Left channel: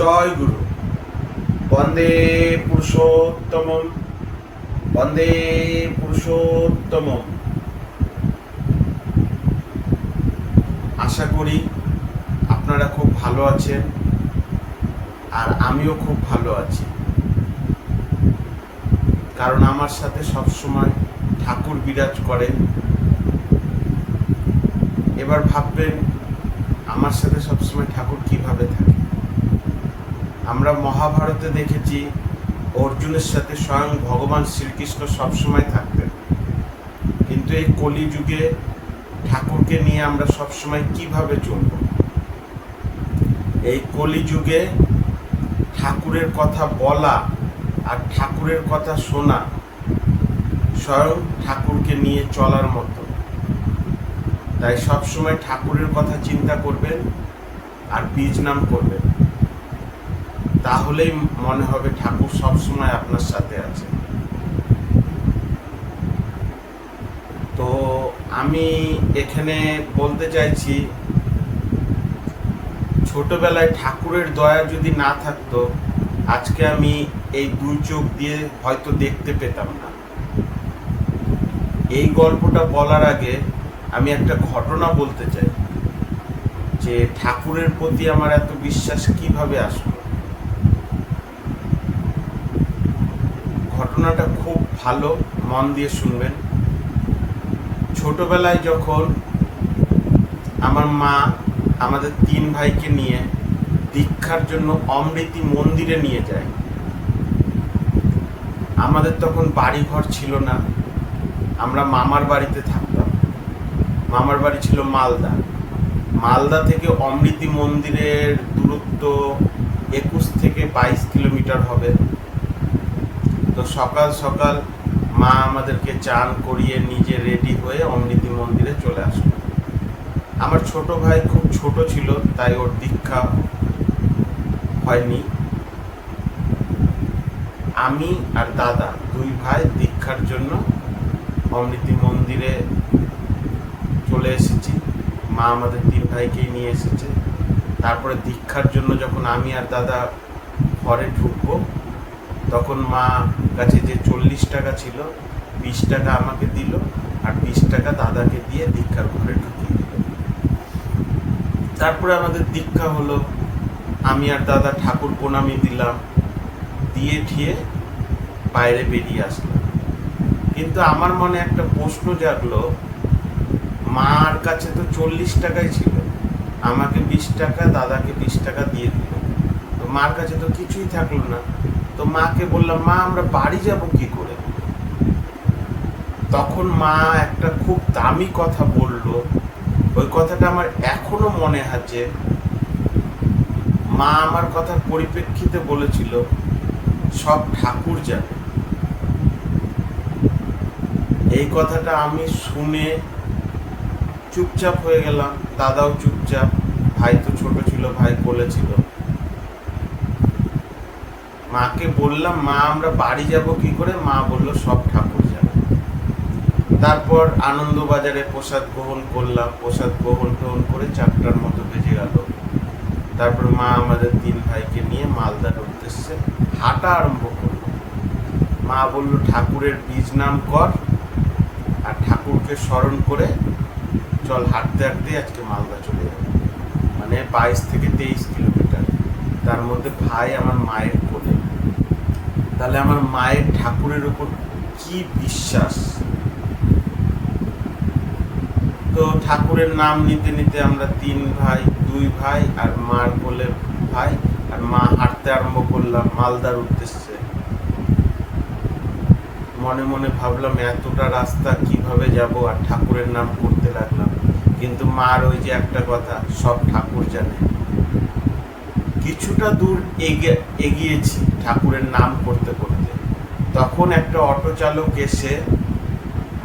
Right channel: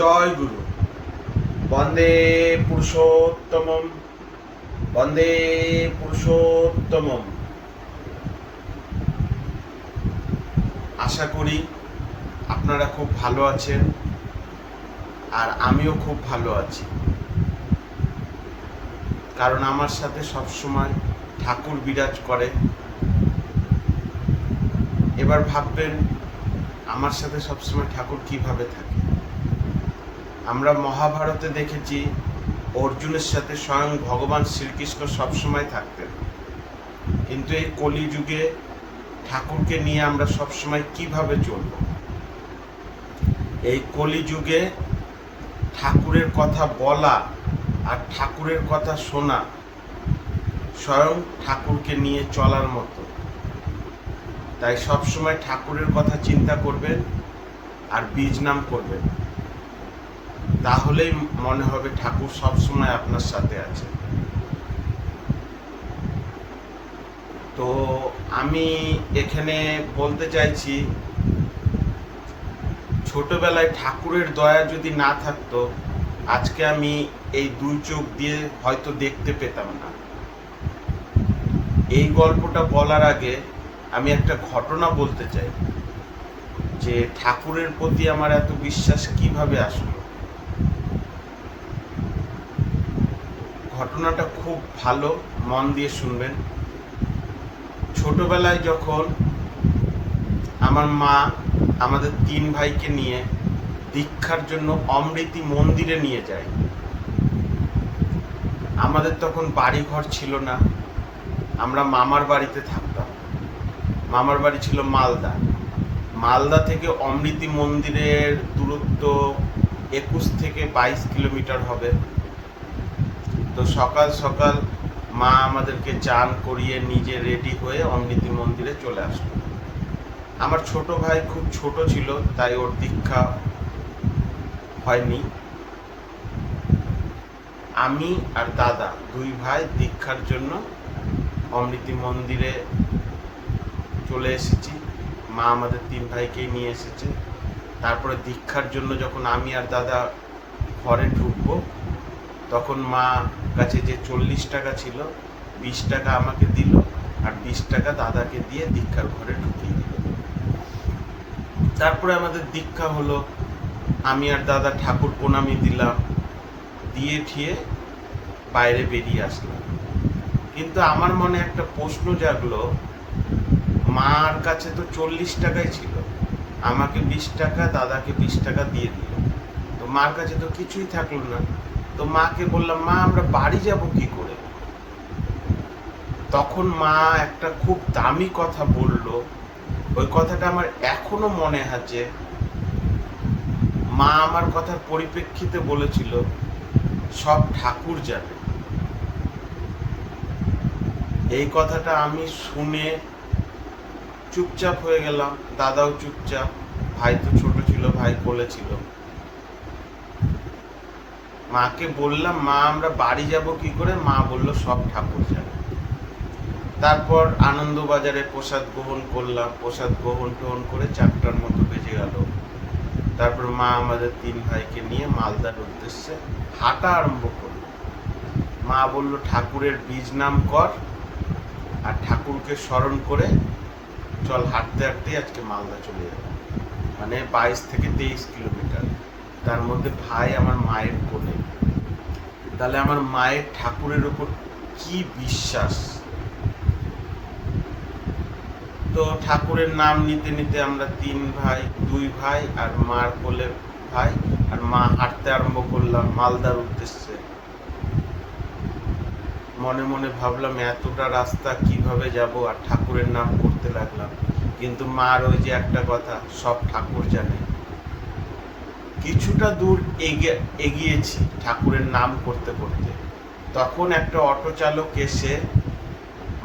জয় গুরু। বন্দে পুরুষোত্তমম, বন্দে পুরুষোত্তমম। আশা করি আপনারা খুব ভালো আছেন, আর আমিও খুব ভালো আছি, কারণ আমার সাথে সবসময় ঠাকুর বিরাজ করে। এবার ভাববেন, আমার সাথে সবসময় ঠাকুর কিভাবে থাকে। আমরা মহাভারতে দেখেছি অর্জুনের সাথে স্বয়ং ভগবান শ্রীকৃষ্ণ সবসময় থাকতেন, কিন্তু এই কলিযুগে ঠাকুরকে নিয়ে আমরা সবসময় কিভাবে চলব। এই কলিযুগে ঠাকুরের কথা বলা আর ঠাকুরের কথা শোনা স্বয়ং ঠাকুরকে নিয়ে চলার মতো। তাই সবসময় ঠাকুরের কথা চিন্তা করবেন আর বীজ নাম করবেন, তাহলেই মনে হবে ঠাকুর সবসময় আপনার সাথে আছে। তো আমি এখানে বলতে চাইছি, ছোটবেলায় ঠাকুরের দয়া যদি না থাকতো, আজকে আমি এই দুই চোখ দিয়ে হয়তো দেখতে পেতাম না। এই গল্পটা বলার আগে আমি একটা ঘটনা বলতে চাই, যে ঠাকুরের প্রতি আমার এত বিশ্বাস কিভাবে আসলো। ঘটনাটা খুব ভালো, মন দিয়ে শুনবেন। ছোটবেলায় যখন আমার মা আমাদের তিন ভাইকে নিয়ে দীক্ষার জন্য অমৃতি মন্দিরে নিয়ে যায়, আমাদের তখন বাড়ি ঘর ছিল না, আমরা মামার বাড়িতে থাকতাম। মামার বাড়ি ছিল মালদা। মালদা থেকে অমৃতি মন্দিরের দূরত্ব 21 থেকে 22 কিলোমিটার হবে। তো সকাল সকাল মা আমাদেরকে চান করিয়ে নিজে রেডি হয়ে অমৃতি মন্দিরে চলে আসলো। আমার ছোট ভাই খুব ছোট ছিল, তাই ওর দীক্ষা হয়নি। আমি আর দাদা দুই ভাই দীক্ষার জন্য অমৃতি মন্দিরে চলে এসেছি। মা আমাদের তিন ভাইকেই নিয়ে এসেছে। তারপরে দীক্ষার জন্য যখন আমি আর দাদা ঘরে ঢুকবো, তখন মা কাছে যে 40 টাকা ছিল, 20 টাকা আমাকে দিল আর 20 টাকা দাদাকে দিয়ে দীক্ষার ঘরে ঢুকিয়ে দিল। তারপরে আমাদের দীক্ষা হলো। আমি আর দাদা ঠাকুর প্রণামী দিলাম, দিয়ে ঠিয়ে বাইরে বেরিয়ে আসলাম। কিন্তু আমার মনে একটা প্রশ্ন জাগলো, মার কাছে তো 40 টাকাই ছিল, আমাকে 20 টাকা, দাদাকে 20 টাকা দিয়ে দিল। তো মার কাছে তো কিছুই থাকলো না। তো মাকে বললাম, মা আমরা বাড়ি যাব কি করে? তখন মা একটা খুব দামি কথা বলল। ওই কথাটা আমার এখনো মনে আছে। মা আমার কথার পরিপ্রেক্ষিতে বলেছিল, সব ঠাকুর যাবে। এই কথাটা আমি শুনে চুপচাপ হয়ে গেলাম, দাদাও চুপচাপ। ভাই তো ছোট ছিল, ভাই কোলে ছিল। মাকে বললাম, মা আমরা বাড়ি যাব কি করে? মা বলল, সব ঠাকুর যাবে। তারপর আনন্দবাজারে প্রসাদ গ্রহণ করলাম। প্রসাদ গ্রহণ করে 4টার মতো বেজে গেল। তারপর মা আমাদের তিন ভাইকে নিয়ে মালদার উদ্দেশ্যে হাঁটা আরম্ভ করল। মা বলল, ঠাকুরের বীজ নাম কর আর ঠাকুরকে স্মরণ করে চল, হাঁটতে হাঁটতে আজকে মালদা চলে যাবে। মানে 22 থেকে 23 কিলোমিটার, তার মধ্যে ভাই আমার মায়ের কোলে। তাহলে আমার মায়ের ঠাকুরের উপর কি বিশ্বাস। তো ঠাকুরের নাম নিতে নিতে আমরা তিন ভাই, দুই ভাই আর মার কোলে ভাই আর মা হাঁটতে আরম্ভ করলাম মালদার উদ্দেশ্যে। মনে মনে ভাবলাম, এতটা রাস্তা কিভাবে যাব, আর ঠাকুরের নাম করতে লাগলাম। কিন্তু মার ওই যে একটা কথা, সব ঠাকুর জানে। কিছুটা দূর এগিয়েছি ঠাকুরের নাম করতে করতে, তখন একটা অটো চালক এসে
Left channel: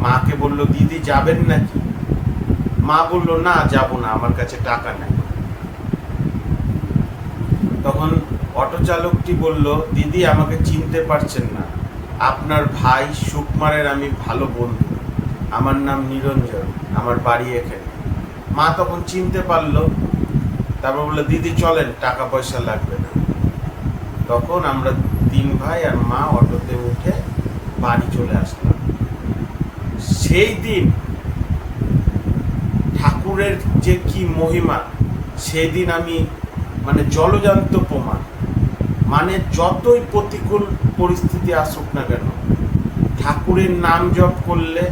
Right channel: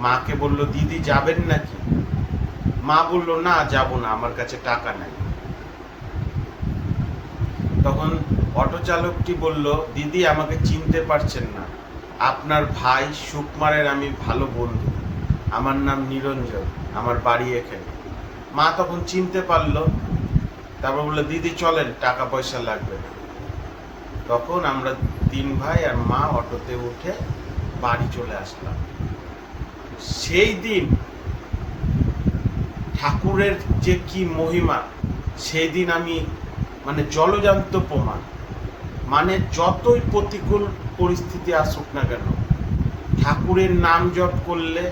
মাকে বলল, দিদি যাবেন নাকি? মা বলল, না যাব না, আমার কাছে টাকা নেই। তখন অটো চালকটি বলল, দিদি আমাকে চিনতে পারছেন না, আপনার ভাই সুকুমারের আমি ভালো বন্ধু, আমার নাম নিরঞ্জন, আমার বাড়ি এখানে। মা তখন চিনতে পারলো। তারপর বললো, দিদি চলেন, টাকা পয়সা লাগবে না। তখন আমরা 3 ভাই আর মা অটোতে উঠে বাড়ি চলে আসলাম। সেই দিন ঠাকুরের যে কি মহিমা, সেই দিন আমি মানে জলজান্ত প্রমাণ। মানে যতই প্রতিকূল পরিস্থিতি আসুক না কেন, ঠাকুরের নাম জপ করলে,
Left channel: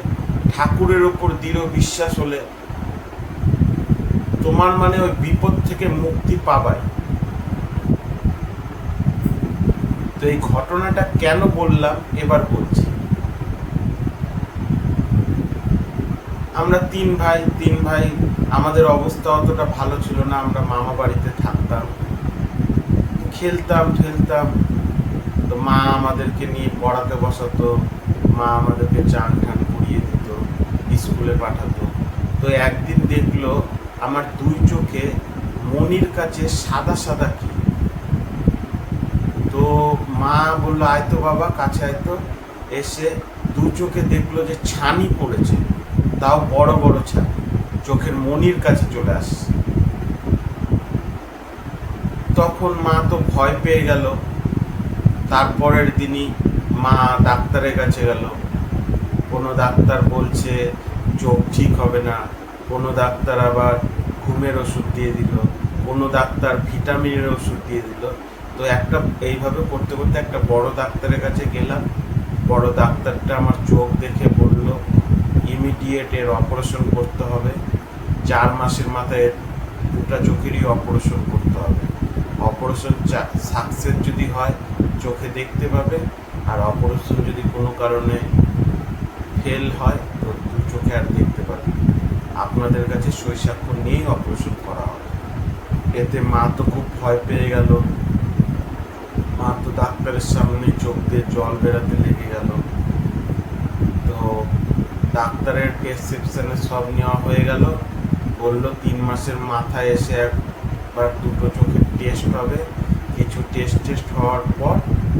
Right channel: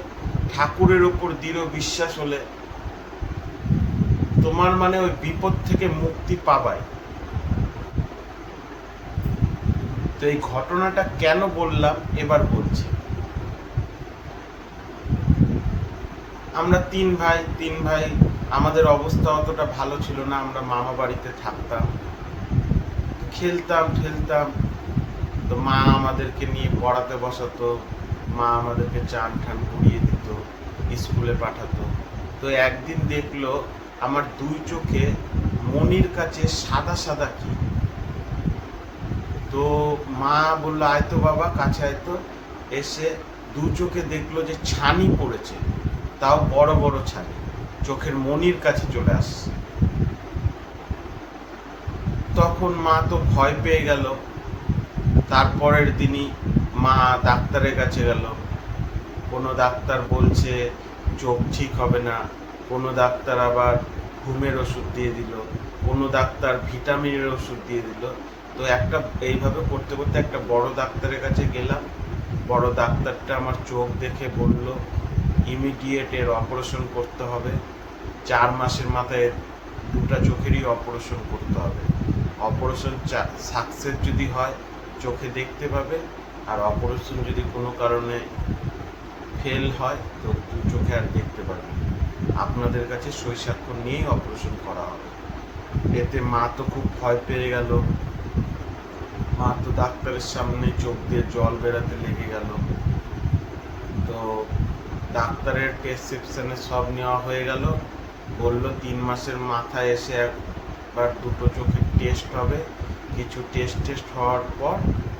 ঠাকুরের ওপর দৃঢ় বিশ্বাস হলে তোমার মানে ওই বিপদ থেকে মুক্তি পাবাই। তো এই ঘটনাটা কেন বললাম এবার বলছি। আমরা 3 ভাই, আমাদের অবস্থা অতটা ভালো ছিল না। আমরা মামা বাড়িতে থাকতাম, খেলতাম ঠেলতাম। তো মা আমাদেরকে নিয়ে পড়াতে বসাতো, মা আমাদেরকে চান ঠান করিয়ে দিত, স্কুলে পাঠাতো। তো একদিন দেখলো আমার 2 চোখে মনির কাছে সাদা সাদা কি। তো মা বললো আয় তো বাবা, কাছে আয় তো। এসে 2 চোখে দেখলো যে ছানি পড়েছে, তাও বড় বড় ছানি, চোখের মনির কাছে চলে আসছে। তখন মা তো ভয় পেয়ে গেল। তারপরের দিনই মা ডাক্তারের কাছে গেল। কোনো ডাক্তার বলছে চোখ ঠিক হবে না, কোনো ডাক্তার আবার ঘুমের ওষুধ দিয়ে দিল, কোনো ডাক্তার ভিটামিনের ওষুধ দিয়ে দিল। তো এইভাবে করতে করতে একটা বড় ডাক্তারের কাছে গেলাম। বড় ডাক্তারটা আমার চোখ দেখে বলল ইমিডিয়েট এর অপারেশন করতে হবে, 4 মাসের মাথায় 2টা চোখেরই অপারেশন করতে হবে। অপারেশন সাকসেস যদি হয় চোখে দেখতে পাবে, আর অপারেশন যদি কোনো কারণে ফেল হয় তো 2 চোখে আর দেখতে পাবে। আপনাদের কাছে সই স্বাক্ষর নিয়েই অপারেশন করা হবে। এতে মা তো খুব ভয় পেয়ে গেল। মা তো ডাক্তারের সামনে চোখ দিয়ে জল বেরাতে লেগে গেল। তো ডাক্তারের প্রেসক্রিপশনে সব নেওয়া হয়ে গেল। বলল 3 মাসের মাথায় এসে একবার 2টো চোখের টেস্ট হবে। কিছু টেস্ট হওয়ার পর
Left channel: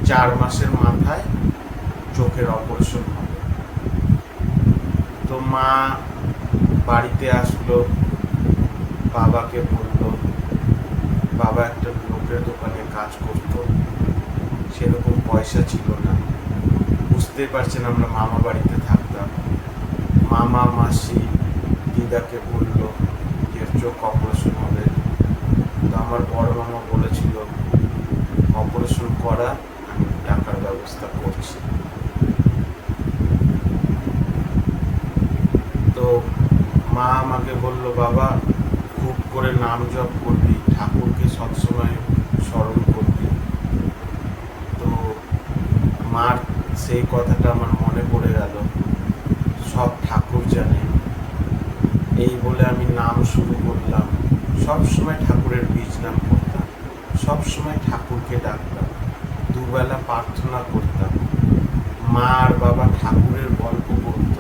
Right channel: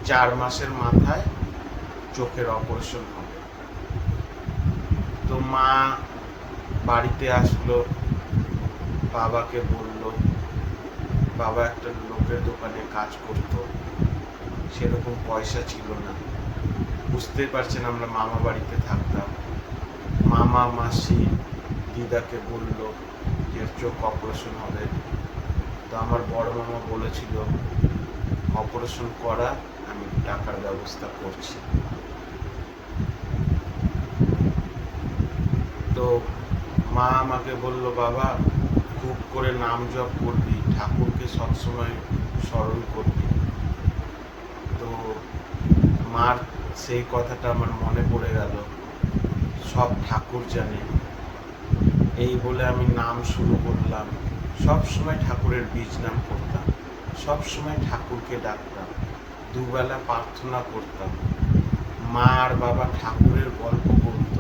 4 মাসের মাথায় চোখের অপারেশন হবে। তো মা বাড়িতে আসলো, বাবাকে বলল। বাবা একটা লোকের দোকানে কাজ করতো, সেরকম পয়সা ছিল না। বুঝতেই পারছেন আমরা মামা বাড়িতে থাকতাম। মামা মাসি দিদাকে বলল যে চোখ অপারেশন হবে। তো আমার বড় মামা বলেছিল অপারেশন করা, আমি টাকার ব্যবস্থা করছি। তো মা আমাকে বলল বাবা খুব করে নাম জপ করবি, ঠাকুরকে সবসময় স্মরণ করবি। তো মার সেই কথাটা আমার মনে পড়ে গেল, সব ঠাকুর জানে। এই বলে আমি নাম শুরু করলাম। সব সময় ঠাকুরের বীজ নাম করতাম, সব সময় ঠাকুরকে ডাকতাম, দুবেলা প্রার্থনা করতাম। মা আর বাবা ঠাকুরের গল্প বলত,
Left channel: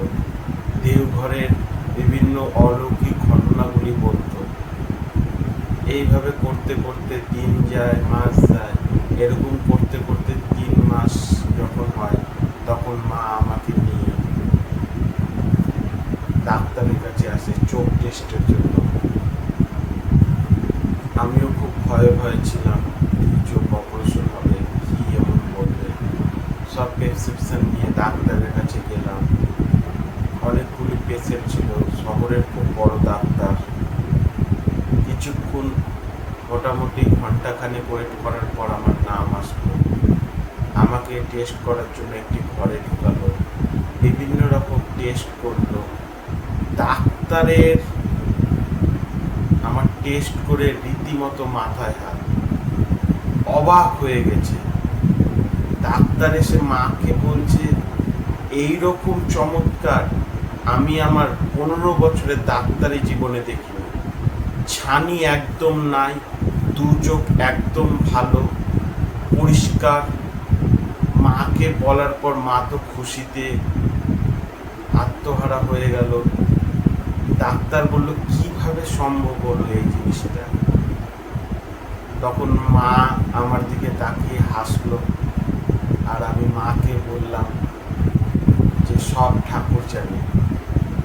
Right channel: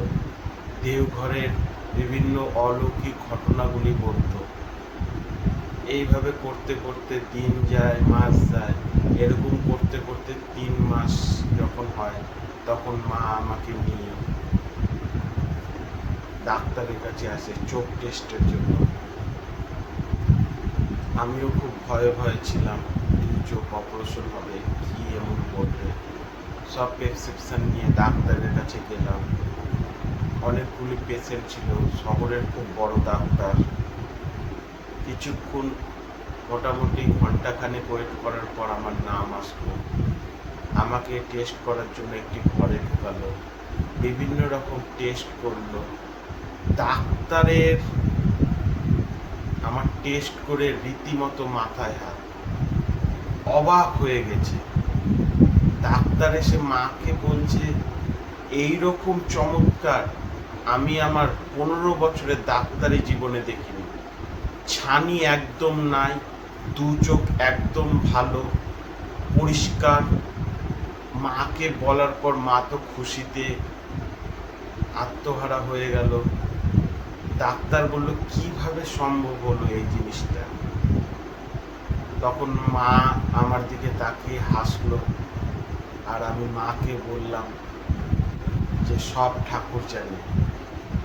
দেওঘরের বিভিন্ন অলৌকিক ঘটনাগুলি বলত। এইভাবে করতে করতে দিন যায়, মাস যায়। এরকম করতে করতে 3 মাস যখন হয় তখন মা আমাকে নিয়ে ডাক্তারের কাছে আসে চোখ টেস্টের জন্য। আমিও খুব ভয়ে ভয়ে ছিলাম, চোখ অপারেশন হবে, কি এমন বলবে। সব প্রেসক্রিপশন নিয়ে ডাক্তারের কাছে গেলাম। অনেকগুলি পেশেন্ট ছিল, শহরের খুব বড় ডাক্তার। কিছুক্ষণ মোটামুটি ঘন্টাখানেক ওয়েট করার পর আমার নাম আসলো। আমাকে টেস্ট করার জন্য একটি ঘরে ঢুকালো, বিভিন্ন রকম টেস্ট করলো। ডাক্তারের আমার টেস্ট করে রীতিমতো মাথায় হাত, অবাক হয়ে গেছে। ডাক্তার এসে মাকে বলছে এই রকম চমৎকার আমি আমার 15 বছরের ডাক্তারি জীবনে দেখিনি। ছানি একদম নাই, 2 চোখ একদম ভালো পরিষ্কার। মাকে বলার পর মা তো খুশিতে আত্মহারা হয়ে গেল। ডাক্তার বলল কিভাবে সম্ভব হলো এই জিনিসটা। তখন মা আমার দিকে তাকিয়ে হাসলো, আর আমি মাকে বললাম যে সব ঠাকুর জানে,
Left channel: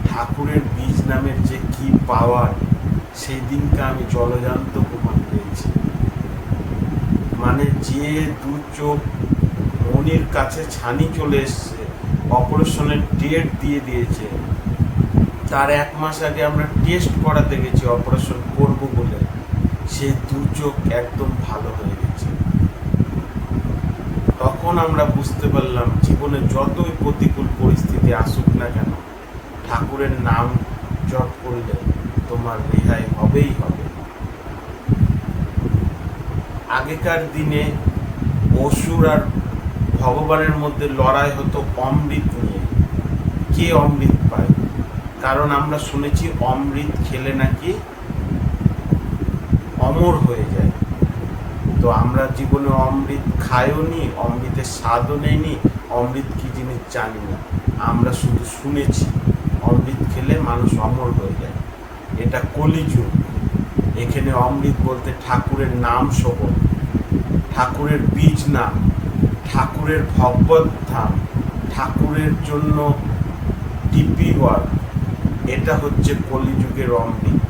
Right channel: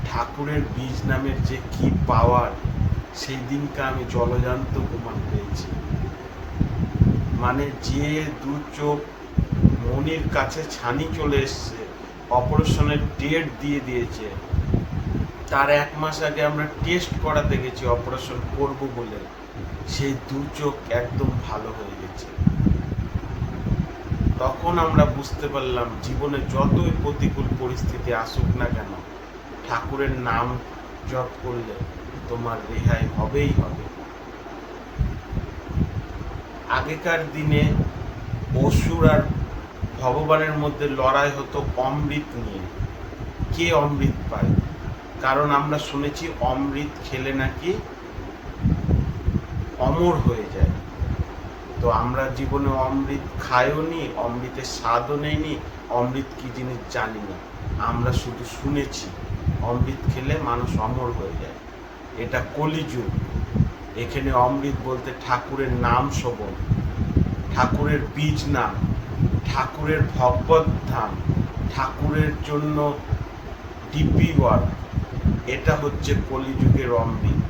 ঠাকুরের বীজ নামের যে কি পাওয়ার, সেই দিনকে আমি জলজান্ত প্রমাণ পেয়েছি। মানে যে দু চোখ মনির কাছে ছানি চলে এসছে, অপারেশনের ডেট দিয়ে দিয়েছে, তার 1 মাস আগে আমরা টেস্ট করাতে গেছি অপারেশন করব বলে, সেই দু চোখ একদম ভালো হয়ে গেছে। তখন আমরা বুঝতে পারলাম জীবনে যতই প্রতিকূল পরিস্থিতি আসুক না কেন, ঠাকুরের নাম জপ করলে তোমার রেহাই হবেই হবে। আগেকার দিনে অসুর আর ভগবানের মধ্যে লড়াই হতো অমৃত নিয়ে, কে অমৃত পায়। কারণ আমরা শুনেছি অমৃত খেলে নাকি অমর হয়ে যায়। তো আমরা জীবনে অমৃত খাইও নি, অমৃতের স্বাদও নেইনি, অমৃত কি জিনিস জানি না। আমরা শুধু শুনেছি অমৃত খেলে মানুষ অমর হয়ে যায়। এটা কলিযুগ। এখানে অমৃত বলতে ঠাকুরের নাম শোভন, ঠাকুরের বীজ নাম, ঠাকুরের ভগবত ধাম, ঠাকুরের জন্য টিপি ওয়ার্ক, এটা হচ্ছে কলিযুগের অমৃত।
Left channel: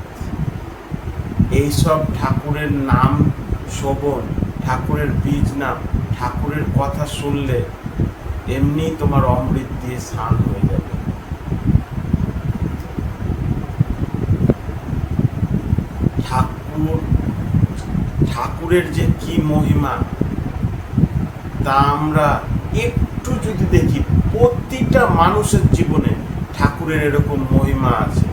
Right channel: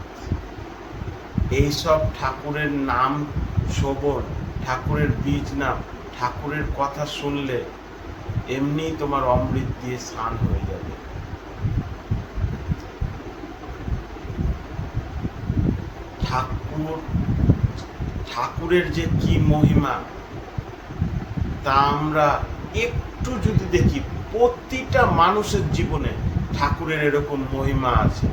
এইসব ঠাকুরের নাম শোভন, ঠাকুরের বীজ নাম, ঠাকুরের কথা শুনলে এমনি তোমার অমৃত দিয়ে স্নান হয়ে যাবে। ঠাকুরের যে কি মহিমা তা আমরা একটু যদি দেখি, প্রতিটা মানুষের জীবনে ঠাকুরের এরকম মহিমা আছে।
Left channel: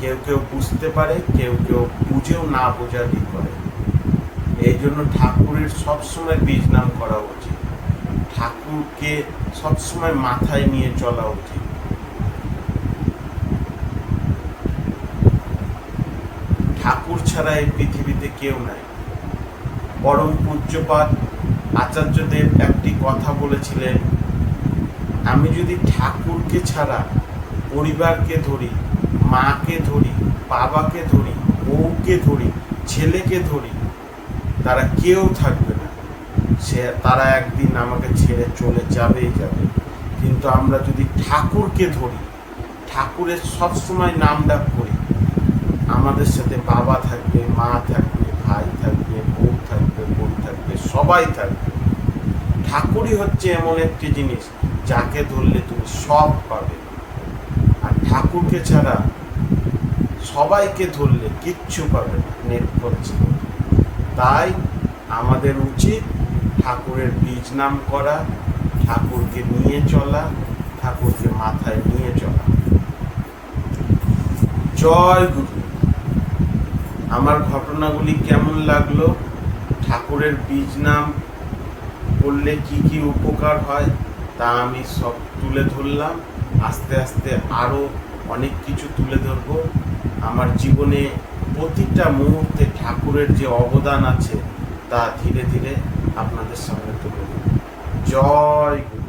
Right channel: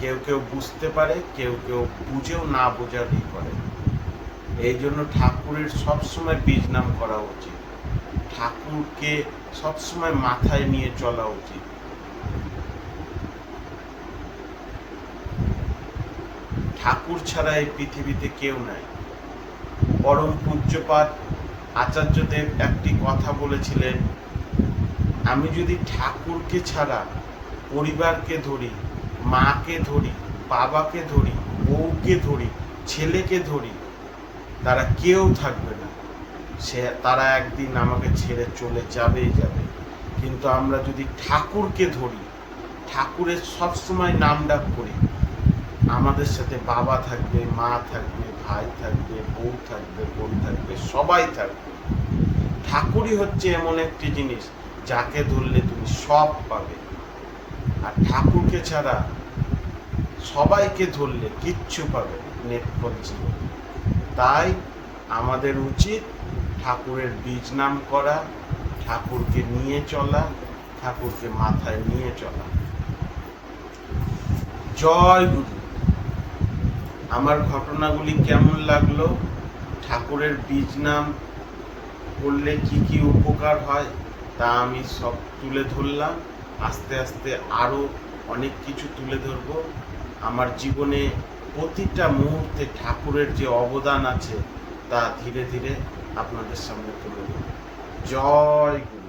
কেউ কেউ বুঝতে পারে, কেউ কেউ বুঝেও না বোঝারই করে। এই জন্য ঠাকুরের সবসময় বীজ নাম করা উচিত, ঠাকুরকে সবসময় মাথায় নিয়ে চলা উচিত। ঠাকুর ছাড়া এই পৃথিবীতে কেউ নাই। পরম পূজ্যপাদ আচার্যদেব একটি কথা বলেছিলেন, আমি যদি ঠাকুরকে ছাড়া পরিবারকে ধরি, মাকে ধরি, বাবাকে ধরি, বউকে ধরি, ছেলেকে ধরি, তারা কেউ থাকবে না, তারা একদিন আমাকে ছেড়ে চলে যাবেই যাবে। কিন্তু আমরা যদি ঠাকুরকে ধরি, ঠাকুরের সবসময় নাম ডাক করি, আমাদের সাথে বাবা থাকবে, মা থাকবে, ভাই থাকবে, বউ থাকবে, বোন থাকবে, সবাই থাকবে। ঠাকুরই হচ্ছে এমন একটি জিনিস যাকে ধরলে তুমি সব পাবে। আর ঠাকুরকে ছাড়া সবাইকে ধরলে কিচ্ছু পাবে না, নেট করছে। তাই আমাদের উচিত ঠাকুরের বীজ নাম করা, ঠাকুরকে নিয়ে চলা, ঠাকুরকে মাথায় নিয়ে চলা। জয় গুরু। আমার ঘটনাগুলি কেমন লাগলো, ঠাকুরের বীজ নাম করলে কি কি উপকার হয় তা আমি সব তুলে ধরলাম। আস্তে আস্তে আরও অনেক কিছু তুলে ধরবো। আমার জীবনে প্রতিটা মুহূর্তে ঠাকুরের যে অবদান আছে তা ধীরে ধীরে আপনাদের সামনে তুলে ধরব। জয় গুরু।